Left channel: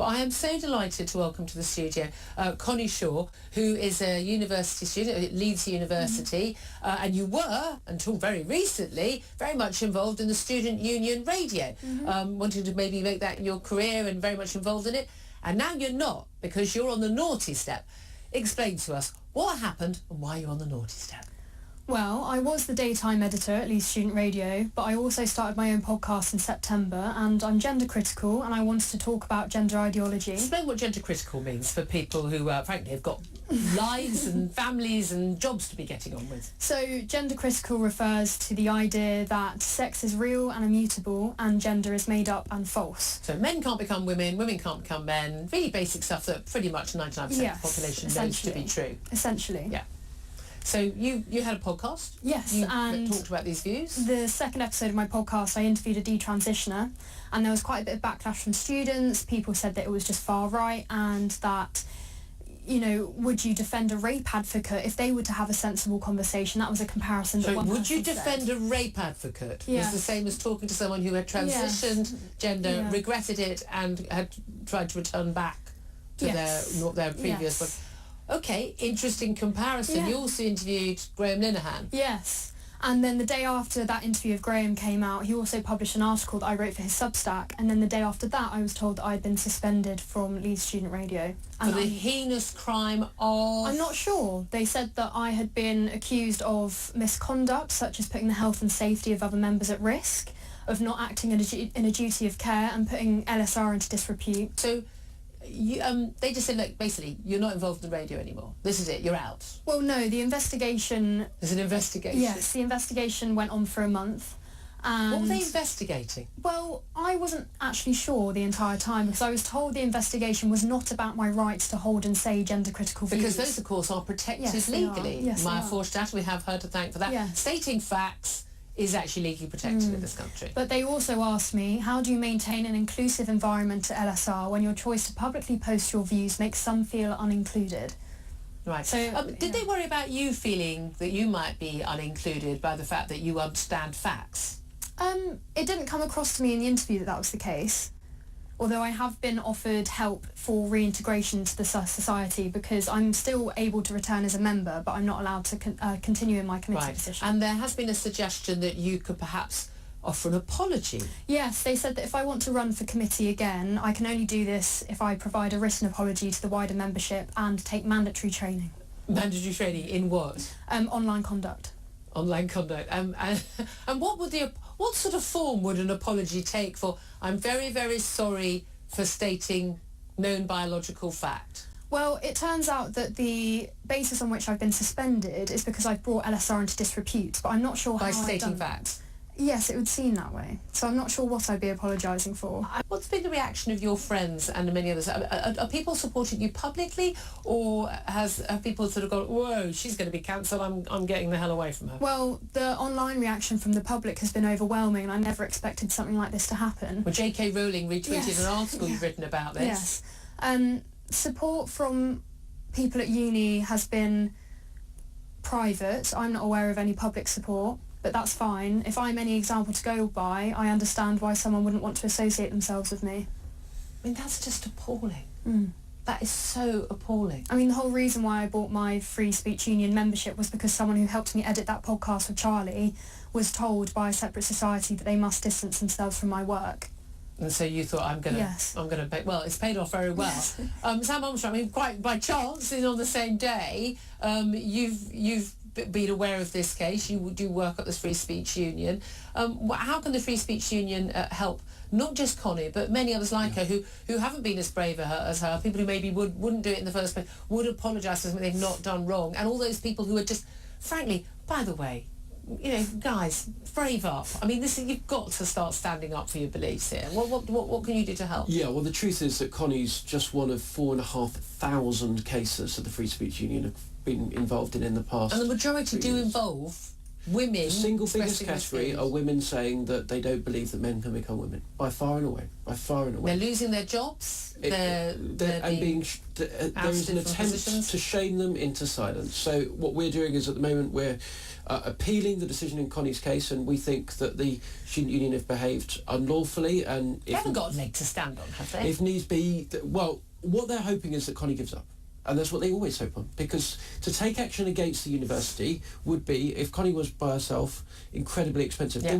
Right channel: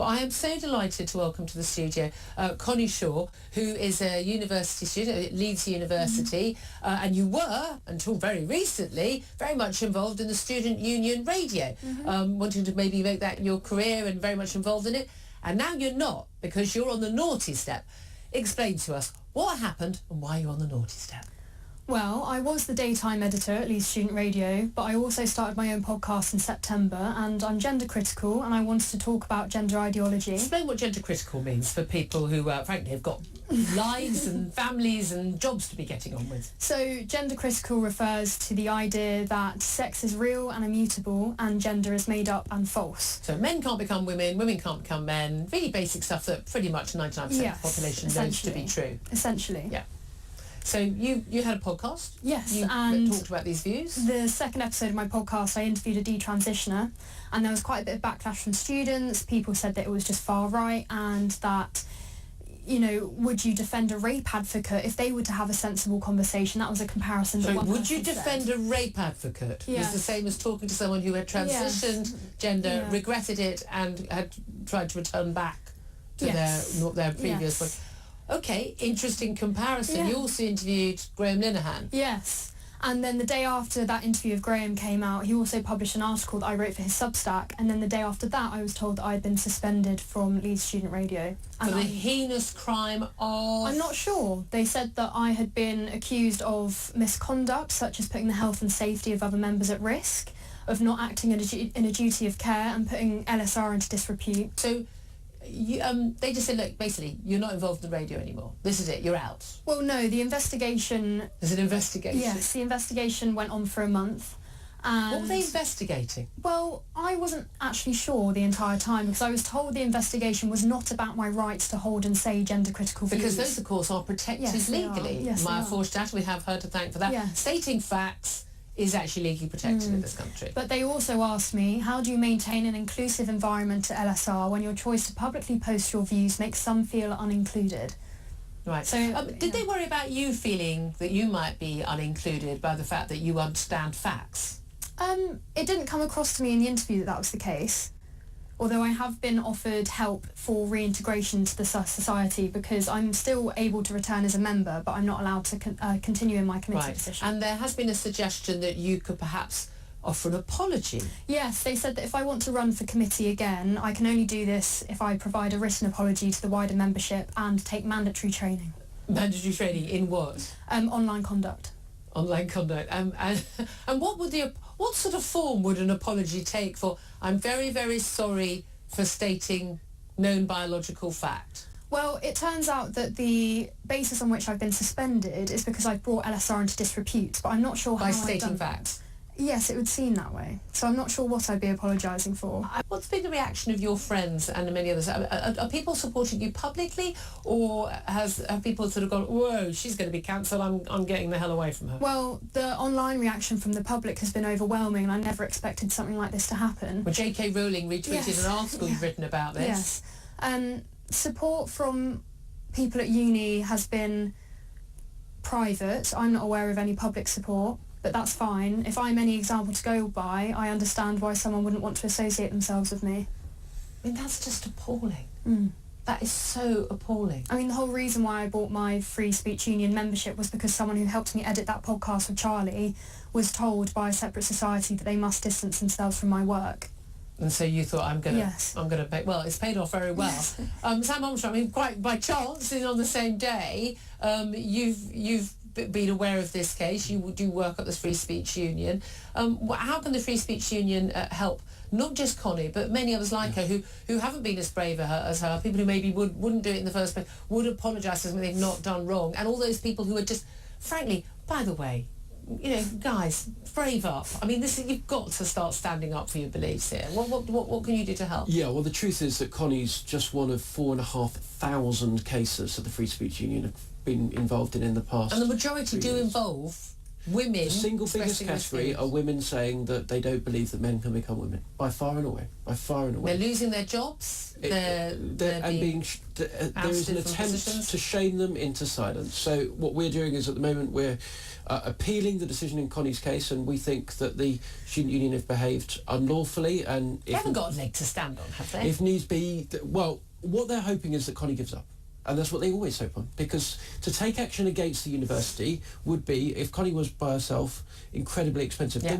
But I am so delighted to welcome to the studio Connie Shaw, who is a university student at Leeds University, and you were, until very recently, very much involved in the student union radio, wanting to maybe make that your career and very much involved in it. And now you're not, because you're on the naughty step. Explain to us what happened and why you're on the naughty step. Well, I was the daytime editor at Leeds Student Radio, but I also started my own podcast in September, and I'm gender critical, and I wanted to talk about gender ideology. Explain what gender critical means for people who, frankly, have got lives and families and jobs to be getting on with. So, gender critical refers to the idea that sex is real and immutable, and gender is made up and false. So men can't become women, women can't become men, really basic stuff that pretty much 99% of the population knows to be true. Essentially. Yeah. So you had a podcast? Yes, you and talked about these views? The second episode of my podcast, I interviewed a detransitioner, and there was quite a bit of backlash from students. People said that it was just far right, and that, you know, would you defend a rape advocate if they were to have a sensible conversation? That was a comparison that one person would you defend a rape advocate? Yes. It's the same as talking to someone who had transitioned gender, regretted it, and had tried to return back to their previous one. Okay, interesting comparison. You also interviewed Graham Linehan. Yes. And then the day after that interview of Graham came out, he also published an article that I wrote for his Substack. And then the day after that, I was told that I had been suspended from Leeds Student Radio. For the heinous crime of... I'm not sure. They said that I had been accused of misconduct, such as putting the health and safety of other members at risk, of not acting in a duty of care, and putting LSR into disrepute. So... they just said, look, basically, you're not involved in the radio anymore. This is it, you're out. Well, no, the investigation... There's an investigation? Yes, the investigation went on for a month. And what were they investigating? Well, I wasn't actually sure the entire time, because I was told the investigation was not about my rights to hold and say gender critical views. Because those, of course, are protected legally. Yes, Maya Forstadt, we have her to thank for that. Yes. Stating facts is actually legally protected in this country. But they also asked me, how do you maintain an inclusive environment at LSR when your choice to publicly post your views makes some feel unincluded? Right. So, did they worry about you feeling that you might be unincluded by the fact that you understand facts? It didn't come across to me in the interview that that was the case. Although I have been offered help for reintegration to the society, because I'm still able to return as a member, but I'm not allowed to continue in my committee position. And there has been a suggestion that you could perhaps offer an apology. Yes, they said that if I want to run for committee again, I can only do this if I provide a written apology to the wider membership and take mandatory training. Mandatory training in what? Online conduct. Online conduct. And what sort of form would an apology take for, I'm very, very sorry for stating known biological fact? Well, it turns out that the basis on which I've been suspended is because I've brought LSR into disrepute, but I'm not sure how I've done that. By stating facts? Yes, it would seem that way. So I'm not sure what I'd be apologising for. What's been the reaction of your friends and many others? Are people supporting you publicly, or have people sort of gone, whoa, she's going to be cancelled, I'm getting the hell away from her? Well, the online reaction from the public has been overwhelming, and I never expected something like this to happen. Well, J.K. Rowling retweeted an article you've written about this. Yes. Support from people at uni has been private. I'm not aware of any public support. But that's fine. If I'm any example to go by, I understand why someone wouldn't want to associate themselves with me. I mean, that's just appalling. That is so appalling. I mean, the whole reason why I bought my Free Speech Union membership was because someone who helped me edit that podcast with Charlie was told by a separate society that they must distance themselves from my work. And so you thought, I'm gonna pay. Well, it's paid off very well. Sam Armstrong, I mean, quite by chance, on the same day, you've been aware of this case. You do work at the Free Speech Union. How can the Free Speech Union help not just Connie but many others like her who haven't been as brave as her, people who maybe wouldn't do it in the first place, would apologise for something they've not done wrong, and all those people who are just, frankly, by the way, you know, guys, brave up. I mean, you've got to start standing up for your beliefs here. What can you do to help? Yeah, well, the truth is that Connie's just one of 4,500 cases that the Free Speech Union have been involved in the past. And the majority do involve women. The single biggest category are women saying that they don't believe that men can become women, by far and away. They're losing their jobs. There is an attempt to shame them into silence. So what we're doing is, at the moment, we're appealing the decision in Connie's case, and we think that the student union have behaved unlawfully. And they haven't got a leg to stand on, have they? If needs be, well, what they're hoping is that Connie gives up. And that's what they always hope on, because to take action against the university would be, if Connie was by herself, incredibly expensive.